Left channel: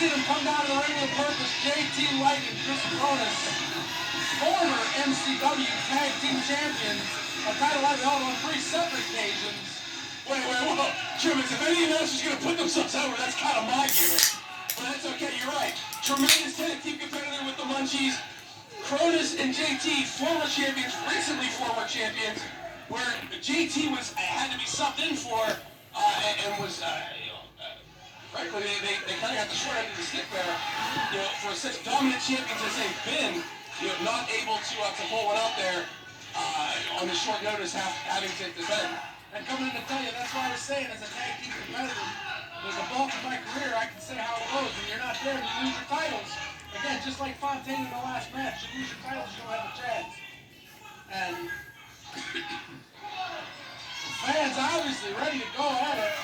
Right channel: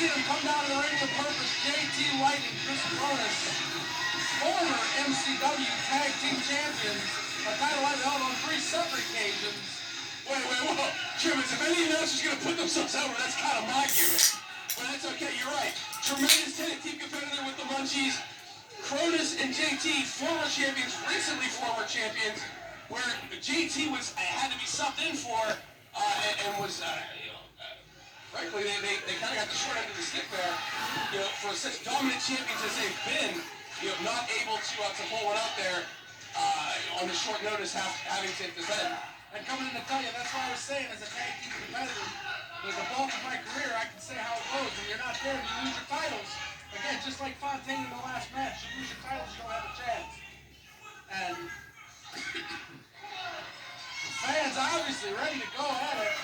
seen him come down to the ring with purpose. JT Lightning, Chris Cronus, former MCW Tag Team Champions, a title I've held on 3 separate occasions. Wait, whoa. Trimmins, if any announcers are going to put themselves over, that's kind of my gimmick. But that's okay, you're right. Tremendous tag team competitor with the Munchies. Cronus and JT, former champions, recently former champions, where JT had to be subbed in for and was, frankly, they kind of got the short end of the stick there. For such dominant champions as they've been, not able to pull one out there on the short notice, having to defend. And coming in to tell you, that's why I was saying, as a tag team competitor, with the bulk of my career, I can say how it goes. When you're not there, you lose your titles. Again, just like Fontaine in the last match, you lose your titles, you don't have a chance. And fans obviously ready to go at it.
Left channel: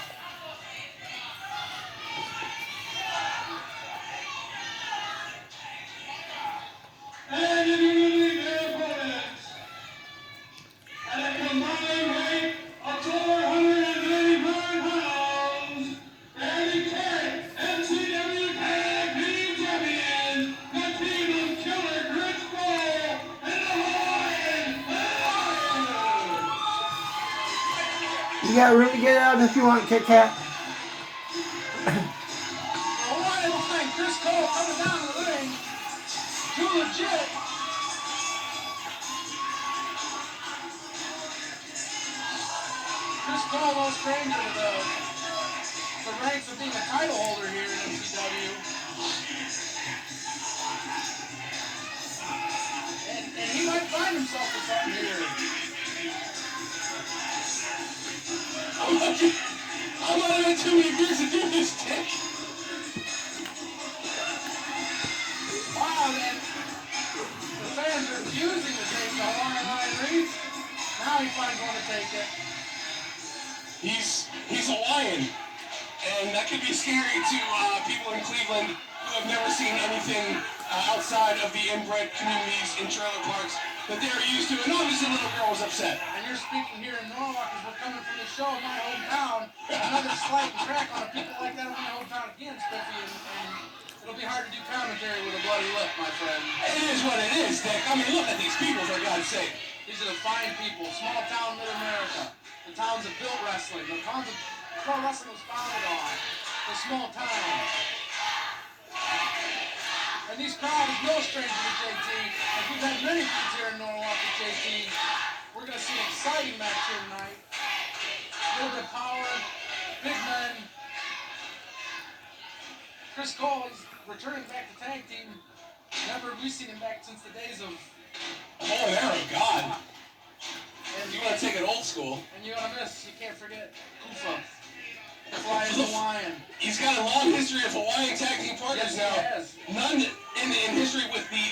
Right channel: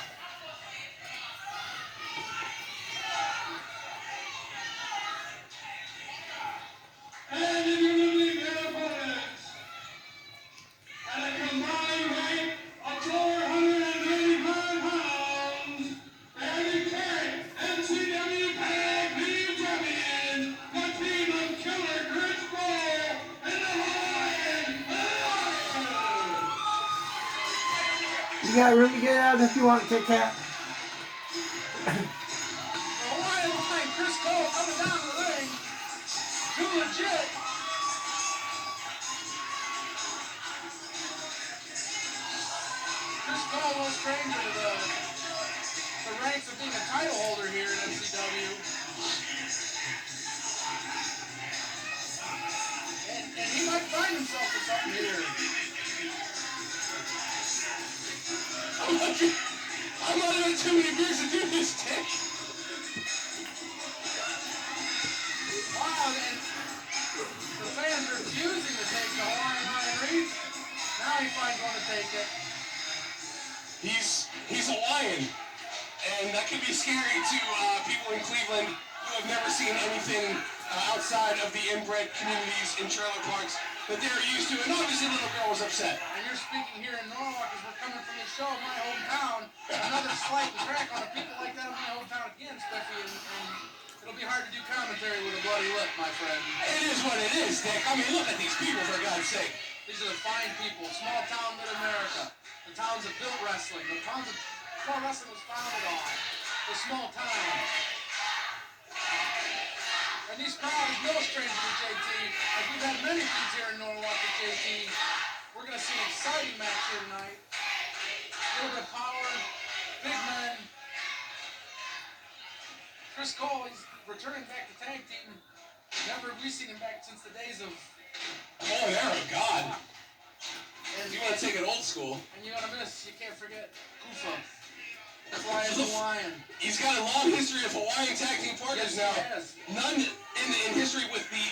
And immediately their opponents, at a combined weight of 485 pounds, Randy Carey, MCW Tag Team Champion, the team of Killer Chris Cole, and the Hawaiian. You got room to get out if you want, Kit Kat. Hawaiian line, Chris Cole coming down to the ring. Too legit. Chris Cole, no stranger to the ranks of being a title holder here in MCW. And he might find himself with something here. I'm not having too many beers to do this, Dick. Wow, and the fans are refusing to take the Hawaiian line reads. Now he finds one to take it. He's Hawaiian, and that could be scary to people in Cleveland who have never seen anything outside of the inbred communities in trailer parks that they're used to, and obviously little girl was upset. And you're speaking here in Norwalk as we're coming from the show in my hometown. Another slight crack on a people like that in my hometown again, Spiffy, and it'll be hard to do commentary with a bloody lip, my friend. It is what it is, Dick. I mean, look at these people, for God's sake. These are the fine people, small town mid-America. The towns that built wrestling, the towns that pro wrestling was founded on. The small towns. And these crowds, no stranger to JT. As we've had many feats here in Norwalk with JT, we're going to see an exciting match here tonight. A little bit of power, big men. Chris Cole, he's returning back to tag team. Never have we seen him back since the days of... Oh, there, God. And you want to take it old school. And you want to miss, you can't forget, Kufa. Flying Hawaiian. He's got a long history of Hawaiian tag team partners now. Yes, he has. None in history with the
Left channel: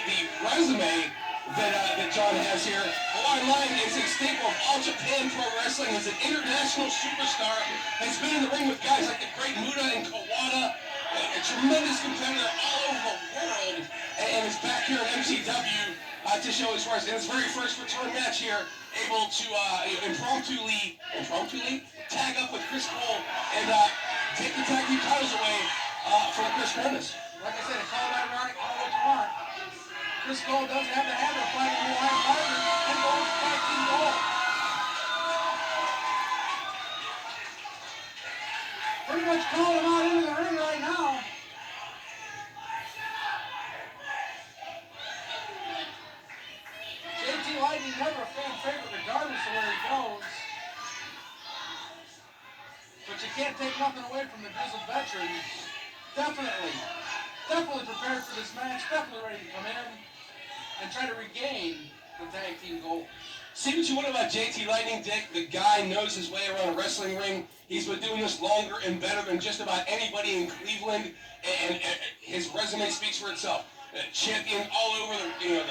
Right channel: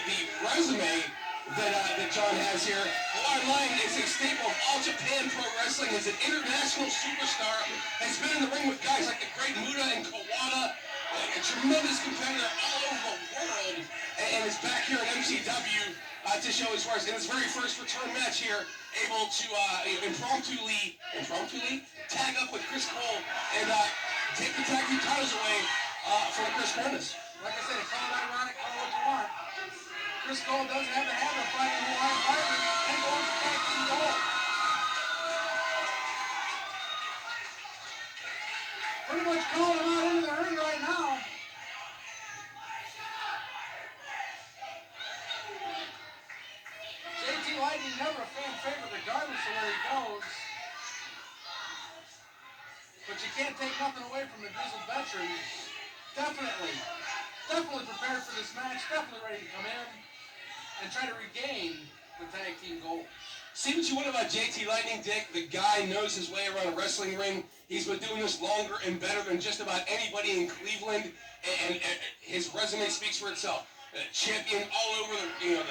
resume that John has here. Hawaiian Lion is a staple of all Japan pro wrestling. He's an international superstar. Has been in the ring with guys like the Great Muta and Kawada. A tremendous competitor all over the world. And is back here at MCW to show his wares. In his very first return match here, able to impromptu tag up with Chris Cole and take the tag team titles away from Chris Cronus. Like I said, call it ironic, call it what you want. Chris Cole does have the habit of fighting Hawaiian partners and goes tag team gold. Pretty much calling him out into the ring right now. JT Lightning never a fan favorite regardless of where he goes. But you can't take nothing away from the grizzled veteran. Definitely prepared for this match, definitely ready to come in and try to regain the tag team gold. See what you want about JT Lightning, Dick? The guy knows his way around a wrestling ring. He's been doing this longer and better than just about anybody in Cleveland, and his resume speaks for itself. Champion all over the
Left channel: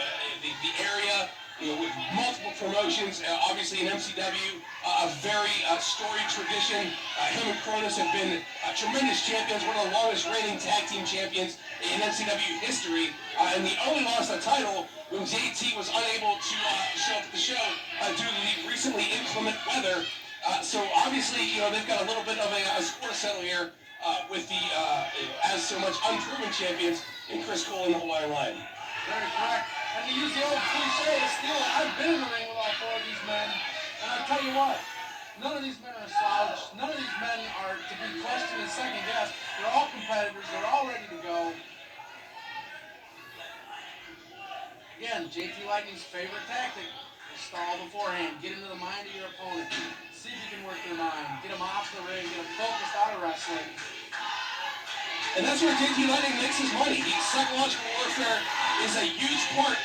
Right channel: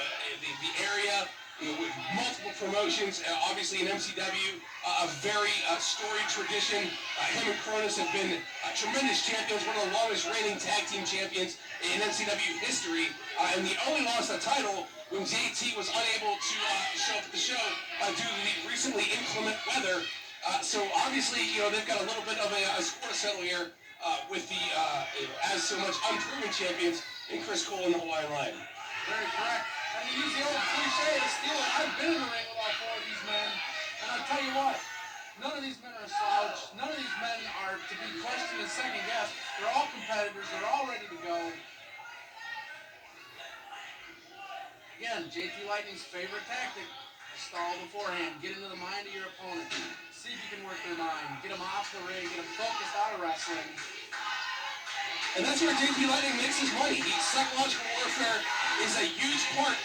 area. With multiple promotions, obviously in MCW, a very storied tradition. Him and Cronus have been tremendous champions, one of the longest reigning tag team champions in MCW history, and they only lost a title when JT was unable to show up at the show due to the recently inclement weather. So obviously, they've got a little bit of a score to settle here with the as so much unproven champions in Chris Cole and the Hawaiian Lion. Very correct. And to use the old cliche to steal it, I've been in the ring with all four of these men, and I'll tell you what, none of these men are slouched. None of these men are to be questioned and second guessed. They're all competitors. They're all ready to go. Again, JT Lightning's favorite tactic is stall beforehand. Get into the mind of your opponent. See if you can work their mind. Get them off the ring. Get them focused out of wrestling. And that's where JT Lightning makes his money. Psychological warfare is a huge part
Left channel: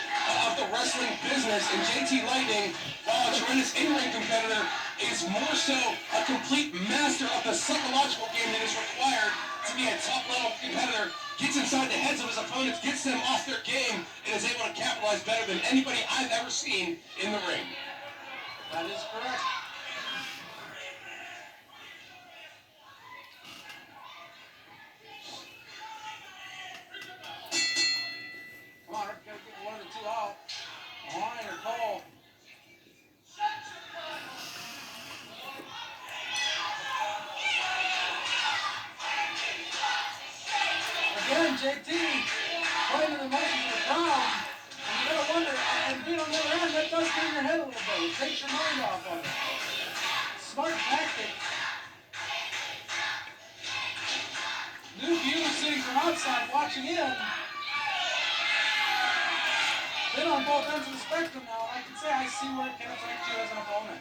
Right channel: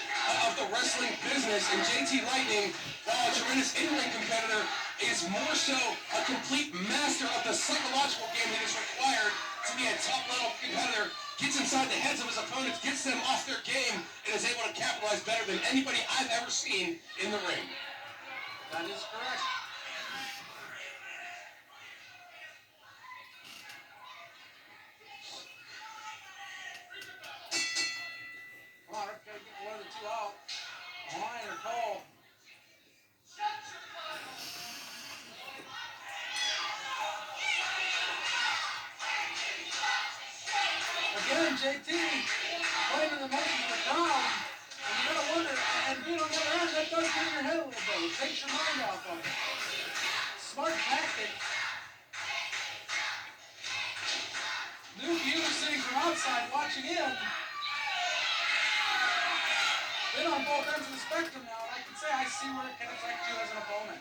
of the wrestling business, and JT Lightning, while a tremendous in-ring competitor, is more so a complete master of the psychological game that is required to be a top-level competitor. Gets inside the heads of his opponents, gets them off their game, and is able to capitalize better than anybody I've ever seen in the ring. That is correct. Come on, Rick, gotta get one of the two out. Hawaiian or Cole. Again, JT playing in the motions of the crowd. And you gotta wonder, and being on the other end, that does get in your head a little bit. It takes your mind off of it. Smart tactic. New viewers sitting from outside watching in. Been on both ends of the spectrum now, and I can say I see where it can affect you as an opponent.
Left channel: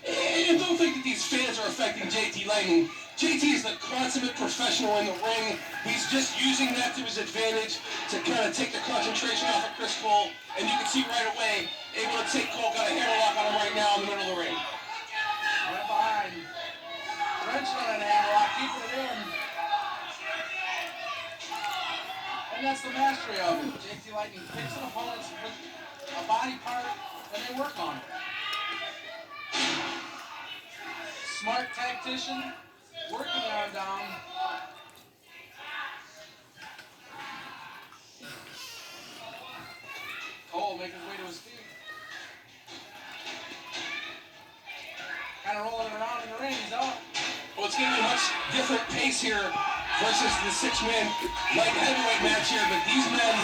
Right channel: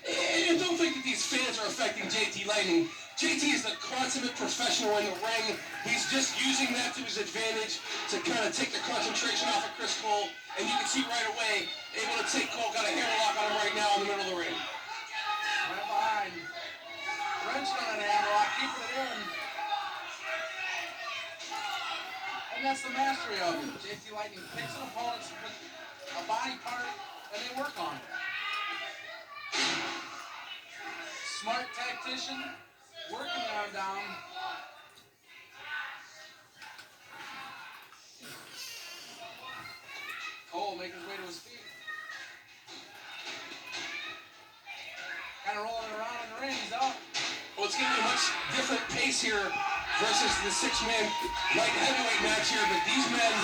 And don't think that these fans are affecting JT Lightning. JT is the consummate professional in the ring. He's just using that to his advantage to kind of take the concentration off of Chris Cole. And you can see right away, able to take Cole, got a hammerlock on him right now in the middle of the ring. Right behind. Wrenching on that hammerlock, keeping it in. And that's the mastery of it. JT Lightning picks an opponent with a body part, and they work on it. Smart tactician, working the arm down. Cole making his way to his feet. Kind of rolling around in the ring, he's up. Well, it's going to be a much different pace here versus the six-man light heavyweight match here, but these men,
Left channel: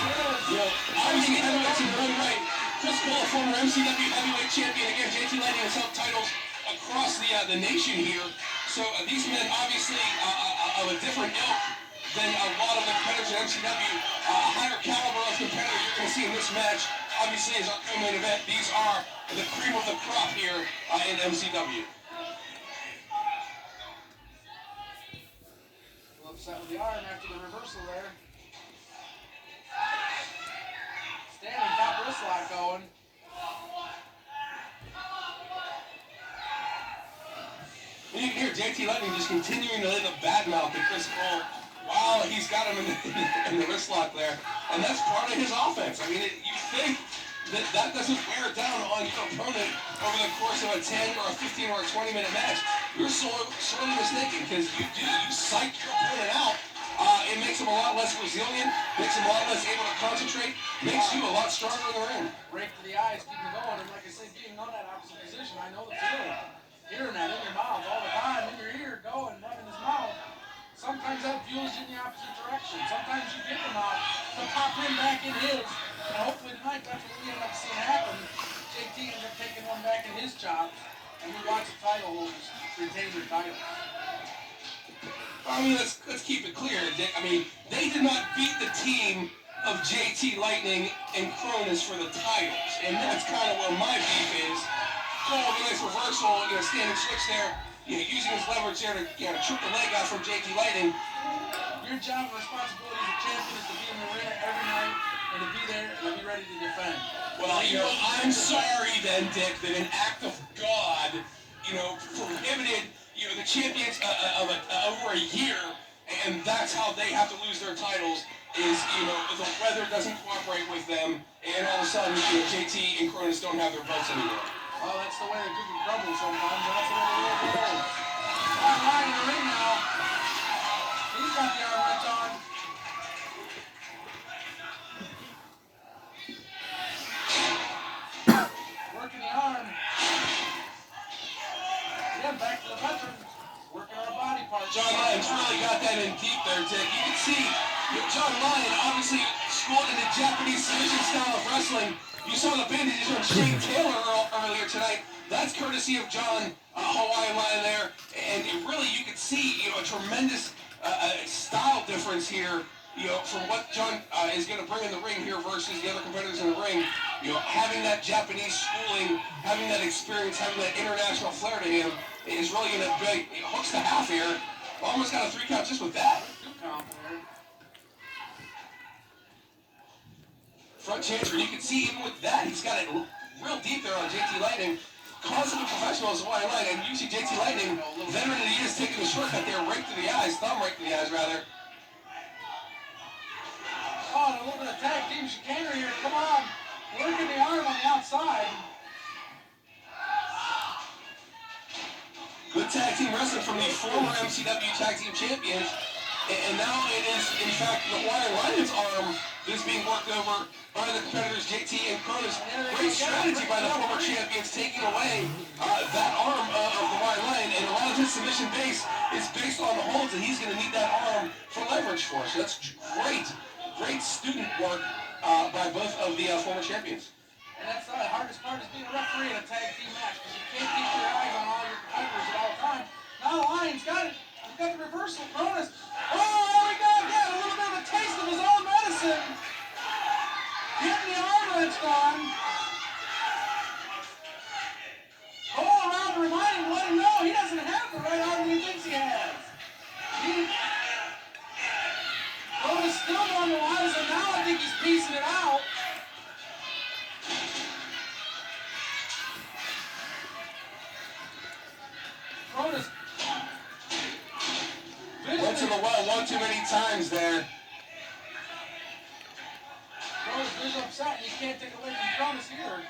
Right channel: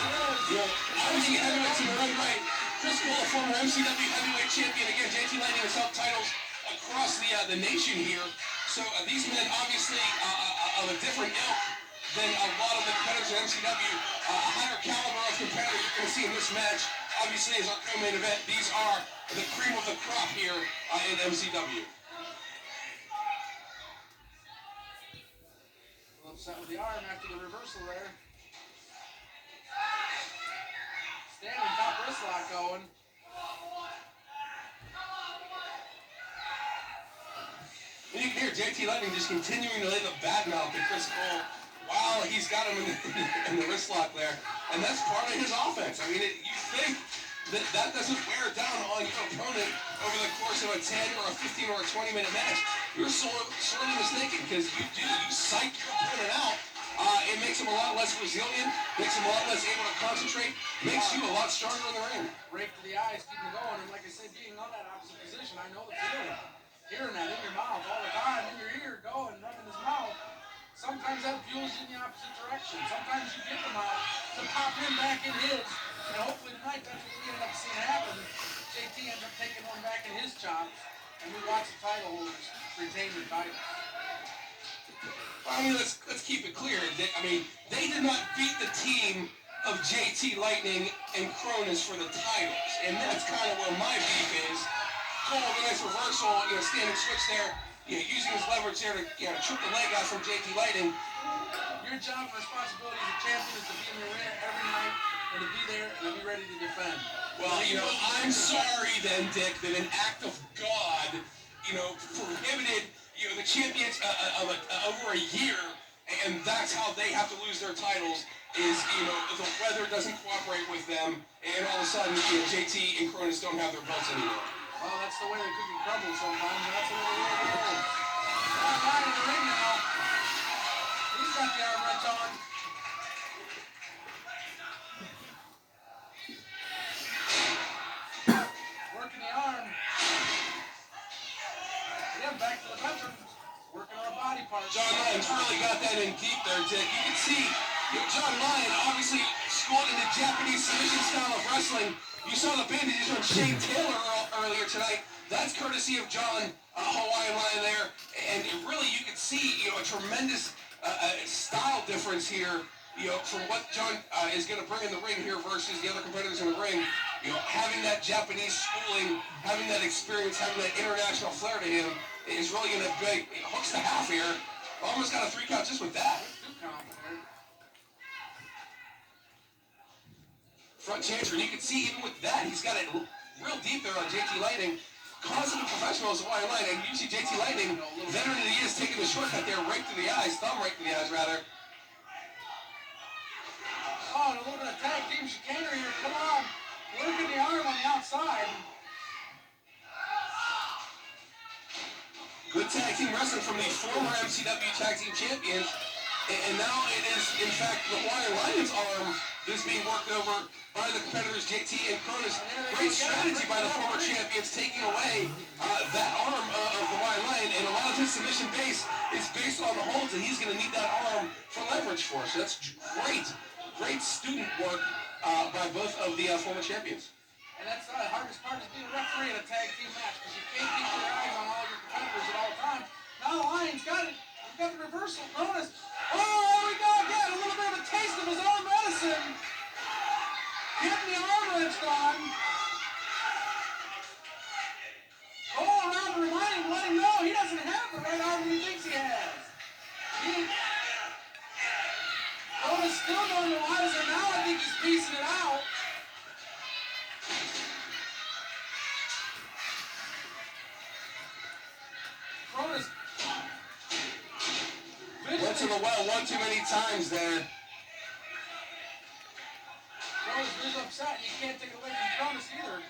obviously heavyweights in their own right. Chris Cole, a former MCW heavyweight champion. Again, JT Lightning has held titles across the nation here. So these men obviously of a different ilk than a lot of the competitors in MCW. A higher caliber of competitor you're going to see in this match. Obviously, as our co-main event, these are the cream of the crop here in MCW. Upset with the arm after the reversal there. Standing top wrist lock going. And you can hear JT Lightning just continuing to lay the bad mouth at Chris Cole while he's got him in the wrist lock there. And that's part of his offense. I mean, you think that doesn't wear down on your opponent over the course of a 10 or a 15 or a 20-minute match. You're sorely mistaken, because you psych your opponent out. It makes him a lot less resilient, makes him a lot less able to concentrate, makes you a lot stronger in the ring. Rake to the eyes, keep him going, and like I say, being on that opposite position, I know the feeling. Hearing that in your mouth all the time, in your ear, going, rubbing his mouth. Sometimes that fuels you in the opposite direction. Sometimes you get the mouth to pop him back in his. And hopefully tonight, that's what we end up seeing happen. JT ends up taking one back in his chops, and we watch the title holders retain their titles. I mean, let's keep it clear, Dick. I mean, they did not beat the team of JT Lightning and Cronus for the titles, and that's kind of where my beef is. Cole with a nice reversal, standing switch there, using his leverage there to trip the leg out from JT Lightning. Your job and responsibility as a champion is to be in the arena every night and to be there and to be ready to defend. Well, I'm sorry then, Dick, that an act of God, prohibited, the champions over a year, and that's how they have to lose their titles, is, the weather doesn't cooperate with them, and all of a sudden, JT and Cronus don't have their belts anymore. Well, that's the way the cookie crumbles sometimes, and that's the way the world goes. Hawaiian in the ring now. He's got the arm wrench on. Working the arm. Again, back to the veterans. Working our body parts. John, Lyons really got that in deep there, Dick. You can see John Lyon obviously schooled in the Japanese submission style of wrestling. You saw the bandages on Shane Taylor earlier tonight. That's courtesy of John Hawaiian Lyon there. And really, you can see a tremendous style difference here. From what John is going to bring in the ring here versus the other competitors in the ring. Having that Japanese schooling, having that experience, having that international flair to him is really going to be hooks the half here. Almost got a 3 count just with that. Front chanter, you can see even with that, he's got it real deep there on JT Lightning. Consummate professional is Hawaiian Line, and usually JT Lightning, veteran of the year, is taking the shortcut there, right to the eyes, thumb right to the eyes, rather. Oh, and a little bit of tag team chicanery here. Come on. Working the arm on the outside. Good tag team wrestling from the former MCW tag team champions. And now it is, in fact, the Hawaiian Lion's arm that is being worked over by the competitors JT and Cronus. Great strategy by the former champions taking away that arm of the Hawaiian Lion. And a lot of his submission base is based on the holds, and he's going to need that arm for leverage for. So that's great. Great student work by both of the former champions. And that's the hardest part is being a referee in a tag team match because you can't keep your eyes on all your competitors at all times. Now the Lion's got it. He's got the reversal. Cronus. Oh, there we go again. A little bit of a taste of his own medicine. Getting the arm wrenched on. Cole around to remind him, let him know he doesn't have the right arm that he thinks he has. Cronus still going to wise, and now I think he's piecing it out. Cronus. Went to the well one too many times there. Cronus is upset, and you can't take away from Cronus either.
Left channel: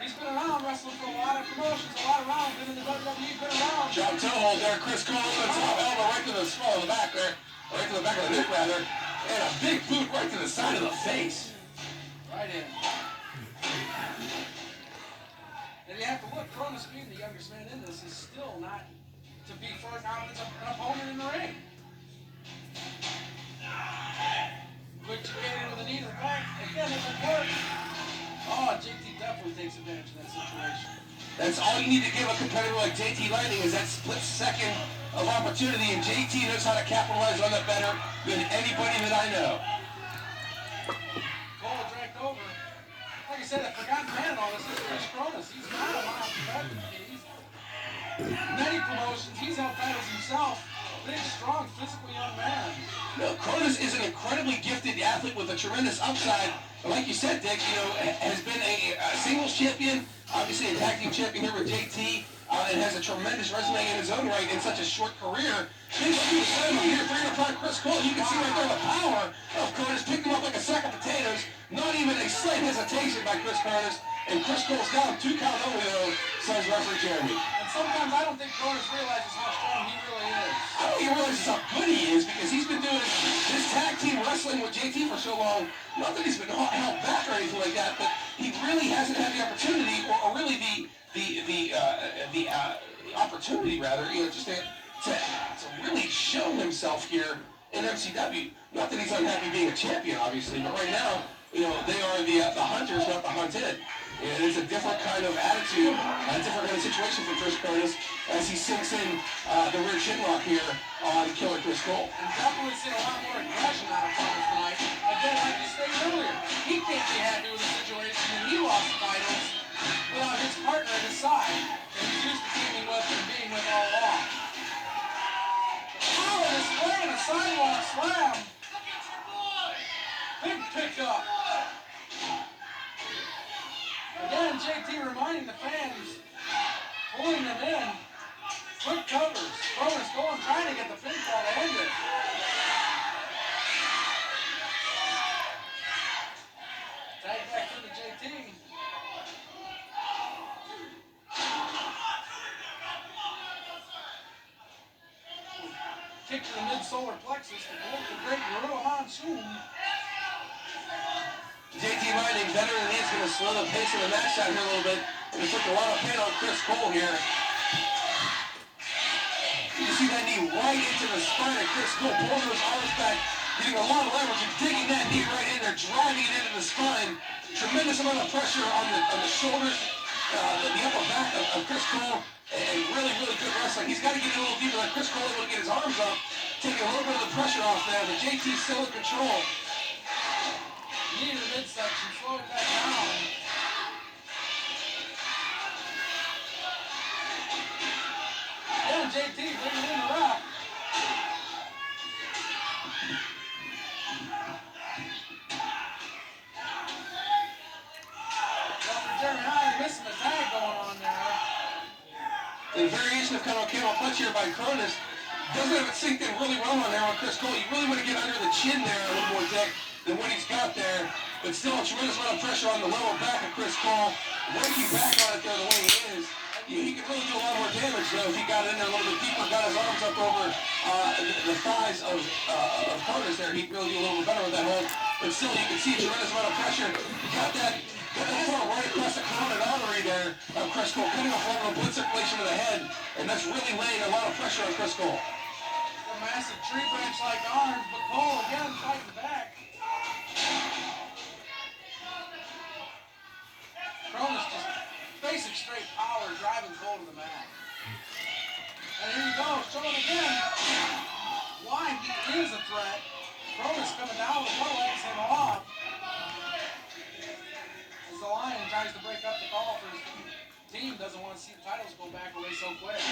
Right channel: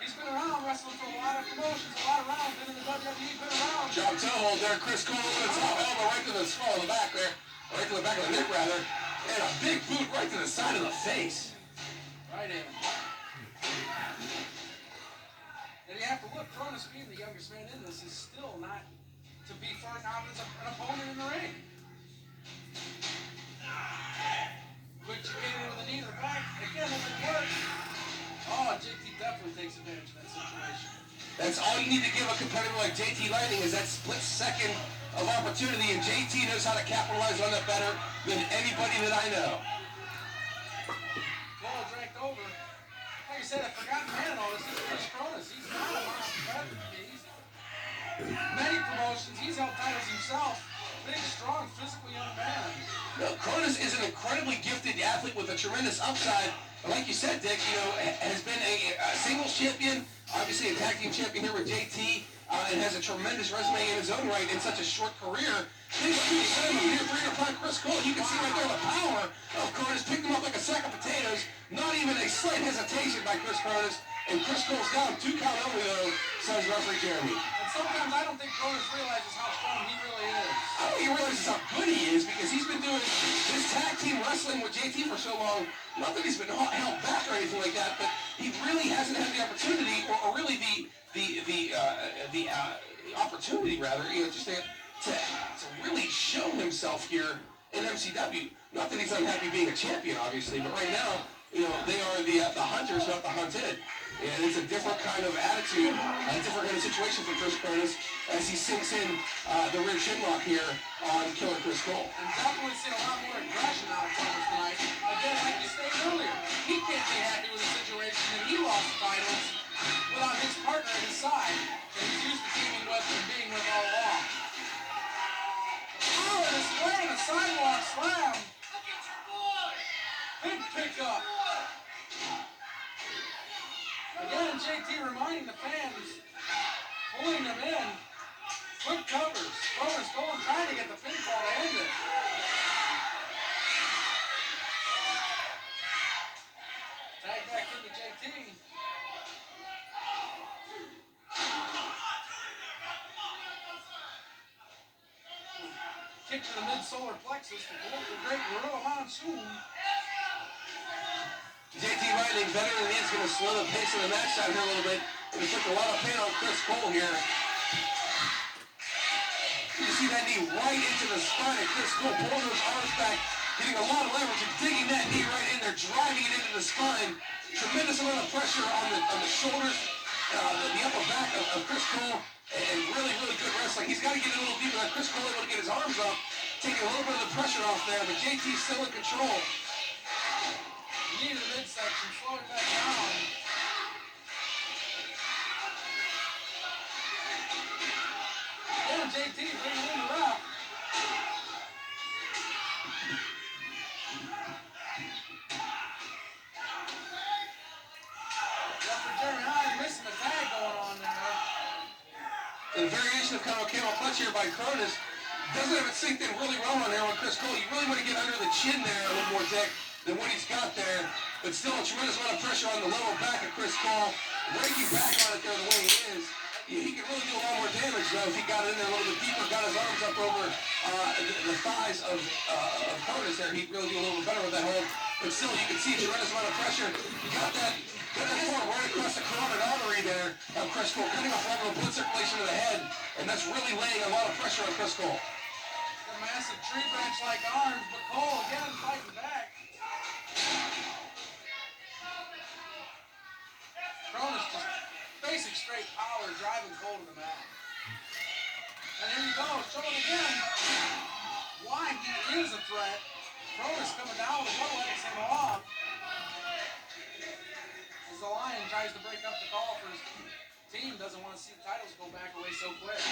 He's been around wrestling for a lot of promotions, a lot of rounds, been in the WWE, been around. Drop toe hold there, Chris Cole over the top elbow right to the small of the back there. Right to the back of the neck, rather. And a big boot right to the side of the face. Right in. And you have to look, Cronus being the youngest man in this is still not to be first out as an opponent in the ring. Quick chicanery with a knee to the back. Again, it would work. Oh, JT definitely takes advantage of that situation. That's all you need to give a competitor like JT Lightning is that split second of opportunity, and JT knows how to capitalize on that better than anybody that I know. Cole dragged over. Like I said, I forgot man and all this. This is Chris Cronus. He's not a mild competitor. He's many promotions. He's held titles himself. Big, strong, physical young man. No, Cronus is an incredibly gifted athlete with a tremendous upside. And like you said, Dick, has been a singles champion, obviously a tag team champion here with JT, and has a tremendous resume in his own right in such a short career. Big huge son of here, 305 Chris Cole. You can see right there the power of Cronus. Picked him up like a sack of potatoes. Not even a slight hesitation by Chris Cronus. And Chris Cole's down 2 count only though, says referee Jeremy. And sometimes I don't think Cronus realizes how strong he really is. I don't think he realizes how good he is because he's been doing this tag team wrestling with JT for so long. Not that he's been held back or anything like that, but he really hasn't had the opportunity, or really the opportunity rather, just to really show himself here in MCW. Not that he's unhappy being a champion, obviously, but right now, they are the hunters, not the hunted. And it's a different kind of attitude, a different kind of situation for Chris Cronus as he sinks in the rear shin lock here on Killer Chris Cole. And definitely seen a lot more aggression out of Cronus tonight. Again, like you stated earlier, he can't be happy with the situation that he lost the titles without his partner at his side that he's used to teaming with and being with all along. Oh, and a swing, a sidewalk slam. Big pickup. Again, JT reminding the fans, pulling them in. Quick covers. Cronus going, trying to get the pinfall to end it. Tag back into JT. Kick to the mid-solar plexus, the great Gorilla Monsoon. JT Lightning, veteran, is going to slow the pace of the match down here a little bit. And he took a lot of pain on Chris Cole here. You see that knee right into the spine of Cole pulling those arms back, getting a lot of leverage and digging that knee right in there, driving it into the spine. Tremendous amount of pressure on the shoulders, the upper back of Chris Cole, and really, really good wrestling. He's got to get a little deeper. Like Chris Cole able to get his arms up, taking a little bit of the pressure off there, but JT's still in control. Knee to the midsection, slowing that down. JT bringing in the rock. Jeremy Hines missing the tag going on there. The variation of kind of camel clutch here by Cronus doesn't have it synced in really well on there on Chris Cole. You really want to get under the chin there a little more, Dick, than what he's got there. But still a tremendous amount of pressure on the lower back of Chris Cole. Raking back on it there the way he is. He could really do a lot more damage, though, if he got it in there a little bit deeper, got his arms up over the thighs of Cronus there. He'd really do a little bit better with that hold. But still, you can see a tremendous amount of pressure. Got that form right across the carotid artery there of Chris Cole, cutting off a lot of blood circulation to the head, and that's really laying a lot of pressure on Chris Cole. A massive tree branch-like arms, but Cole again fighting back. Cronus just basic straight power driving Cole to the mat. And here he goes, showing again why he is a threat. Cronus coming down with one leg, him off. As the Lion tries to break up the call for his team, doesn't want to see the titles go back away so quick.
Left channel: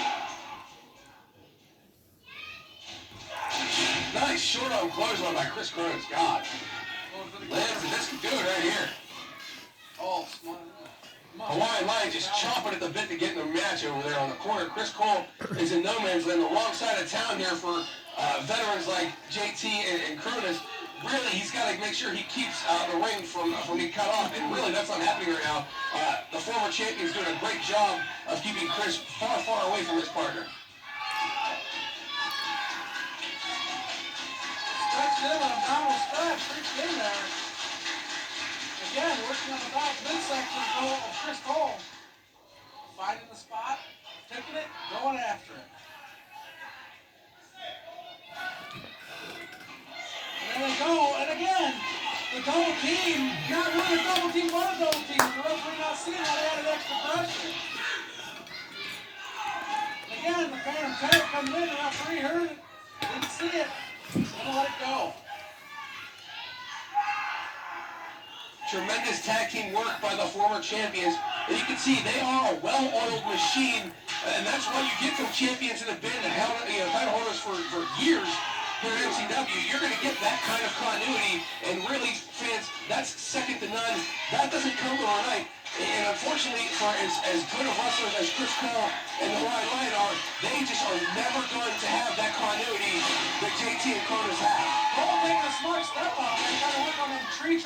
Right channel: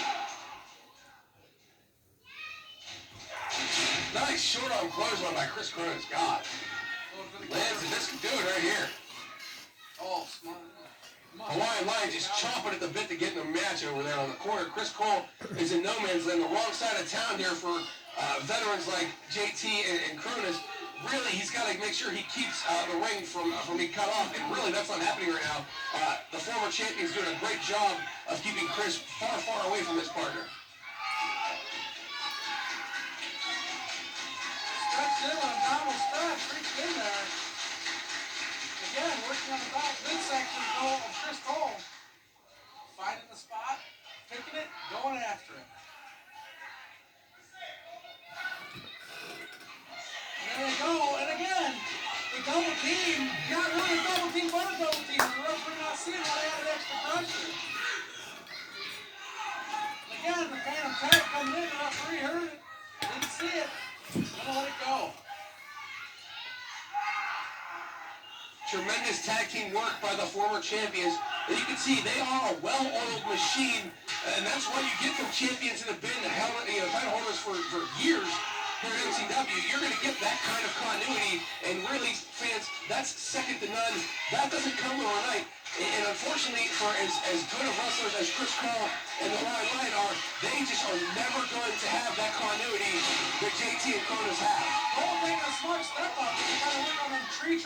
Nice short arm clothesline by Chris Cronus. God. Lands and this could do it right here. Oh, smart. Hawaiian Lion just chomping at the bit to get in the match over there on the corner. Chris Cole is in no man's land, the wrong side of town here for veterans like JT and Cronus. Really, he's got to make sure he keeps the ring from being cut off, and really that's not happening right now. The former champion's doing a great job of keeping Chris far, far away from his partner. Stretched in on Donald stretch, pretty thin there. Again, working on the back midsection of Chris Cole. Finding the spot, picking it, going after it. And there they go, and again, the double team, not really a double team, but a double team. The referee not seeing how they added extra pressure. And again, the Phantom tag coming in, the referee heard it, didn't see it, gonna let it go. Tremendous tag team work by the former champions. And you can see they are a well-oiled machine, and that's what you get from champions that have been title holders for years here at MCW. You're going to get that kind of continuity, and really, fans, that's second to none. That doesn't come overnight. And unfortunately, for as good of wrestlers as Chris Cole and the Hawaiian Lion are, they just are never going to have that continuity that JT and Cronus have. Cole making a smart step on it. Kind of look on them tree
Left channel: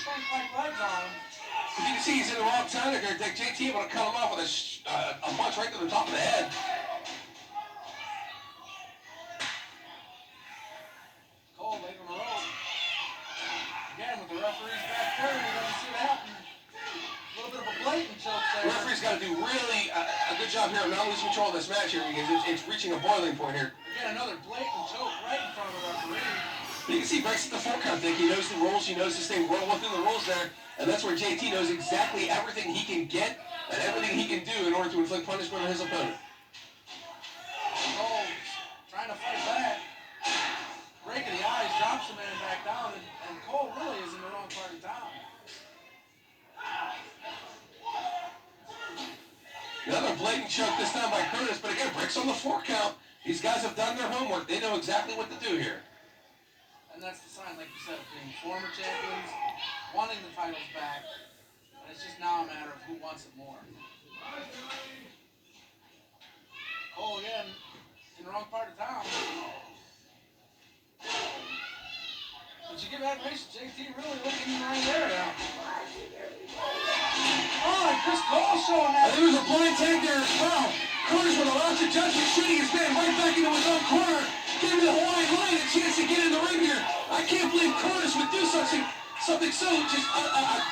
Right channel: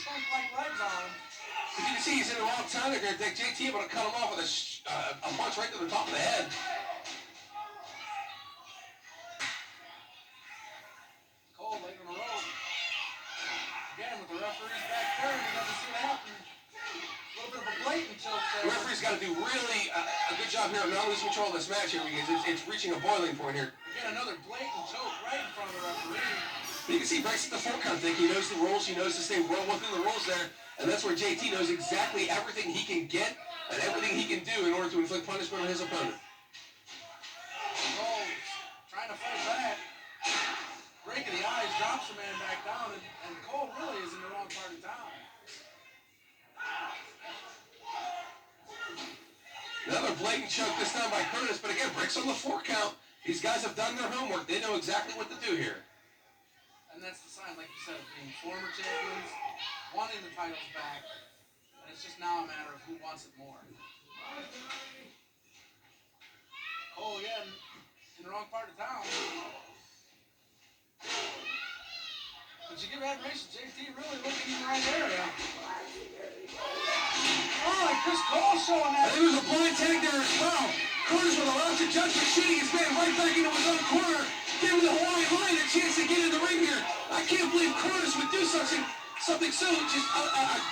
trunk-like legs on him. As you can see, he's in the wrong time. They're going to take JT able to cut him off with a punch right to the top of the head. Cole laying on the rope. Again, with the referee's back there, you got to see what happens. A little bit of a blatant choke there. The referee's got to do really a good job here of not losing control of this match here, because it's reaching a boiling point here. Again, another blatant choke right in front of the referee. But you can see Brett's at the 4 count thing. He knows the rules. He knows to stay well within the rules there. And that's where JT knows exactly everything he can get and everything he can do in order to inflict punishment on his opponent. Cole trying to fight back. Breaking the eyes, drops the man back down, and Cole really is in the wrong part of town. Another blatant choke this time by Cronus, but again, breaks on the 4 count. These guys have done their homework. They know exactly what to do here. And that's the sign, like you said, of being former champions, wanting the titles back, and it's just now a matter of who wants it more. Cole again, in the wrong part of town. But you give admiration, JT really looking right there now. Oh, and Chris Cole showing that. And there was a blind tag there as well. Cronus with a loss of judgment, shooting his man right back into his own corner, giving the Hawaiian Lion a chance to get in the ring here. I can't believe Cronus would do something so just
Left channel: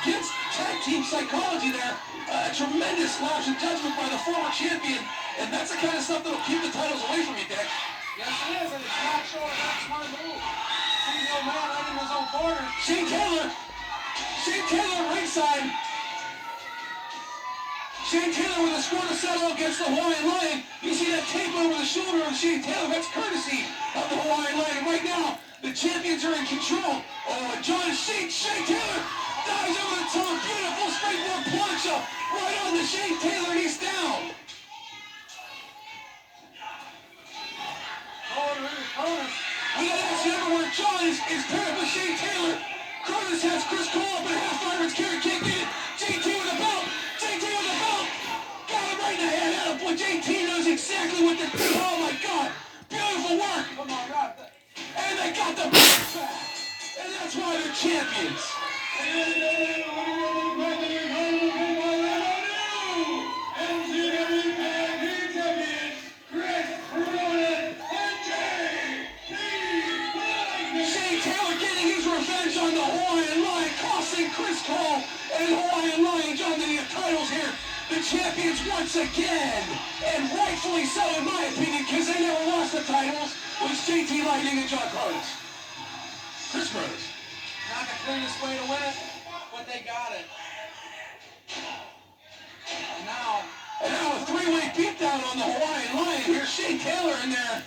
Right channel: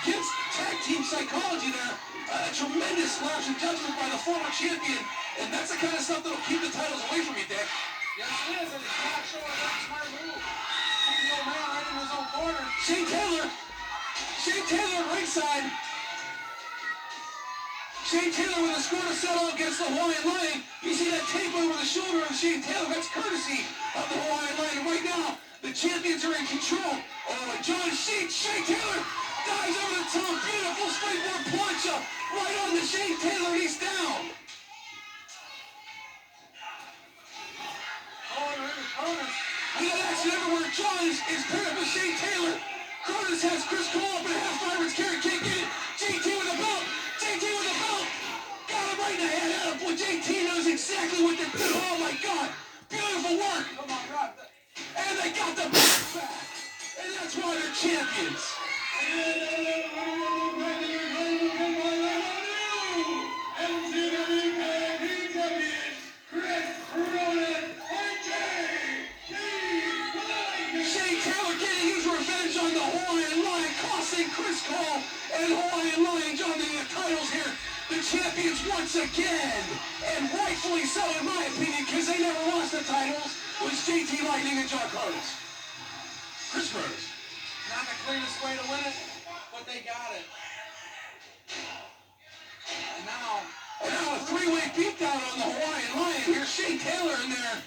against tag team psychology there. A tremendous lapse of judgment by the former champion, and that's the kind of stuff that'll keep the titles away from you, Dick. Yes, it is, and it's not showing a very smart move. Seeing the old man right in his own corner. Shane Taylor ringside. Shane Taylor with a score to settle against the Hawaiian Lion. You see that tape over the shoulder of Shane Taylor. That's courtesy of the Hawaiian Lion. And right now, the champions are in control. Oh, and Shane Taylor dives over the top. Beautiful springboard plunge up right on to Shane Taylor, and he's down. Cronus. We got action everywhere. John is paired up with Shane Taylor. Cronus has Chris Cole up in a half fireman's carry. Can't get it. JT with the belt. Got him right in the head. Attaboy. JT knows exactly what to do. Oh my God. Beautiful work. Come on, God. And they got the belt back. And that's why they're champions. Shane Taylor getting his revenge on the Hawaiian Lion, costing Chris Cole and Hawaiian Lion John the titles here. The champions once again, and rightfully so in my opinion, because they never lost the titles, was JT Lightning and John Cronus. Chris Cronus. Not the cleanest way to win it, but they got it. And now a three-way beatdown on the Hawaiian Lion. Here's Shane Taylor in there.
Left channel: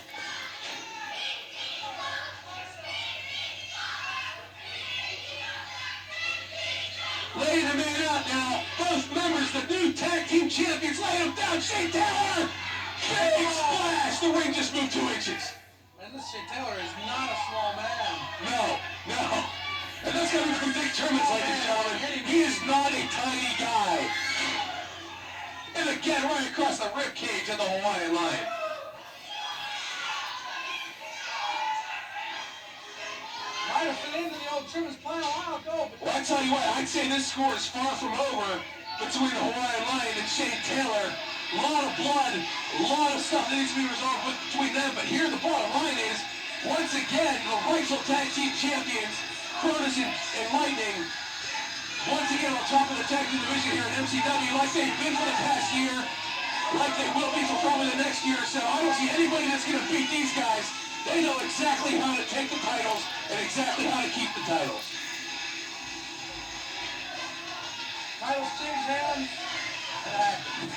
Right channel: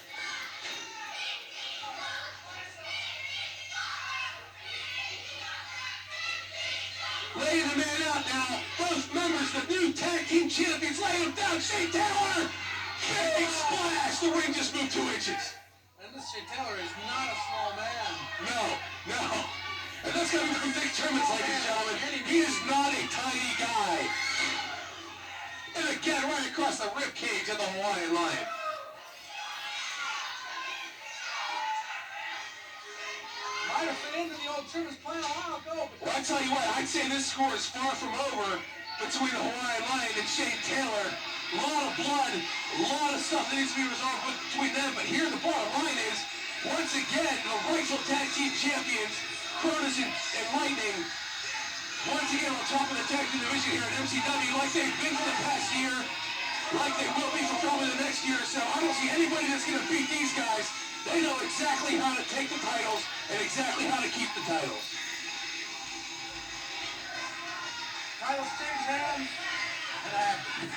Laying the man out now. Both members, the new tag team champions, laying him down. Shane Taylor. Big splash. The ring just moved 2 inches. And this Shane Taylor is not a small man. No. And that's coming from Dick Termins, ladies and gentlemen. He is not a tiny guy. And again, right across the rib cage of the Hawaiian Lion. Might have fit into the old Trimmins plan a while ago, but Well, I tell you what, I'd say this score is far from over between the Hawaiian Lion and Shane Taylor. A lot of blood, a lot of stuff that needs to be resolved between them. But here the bottom line is, once again, the rightful tag team champions, Cronus and Lightning, once again on top of the tag team division here at MCW, like they've been for the past year, like they will be for probably the next year or so. I don't see anybody that's going to beat these guys. They know exactly how to take the titles and exactly how to keep the titles. titles change hands, and it happens.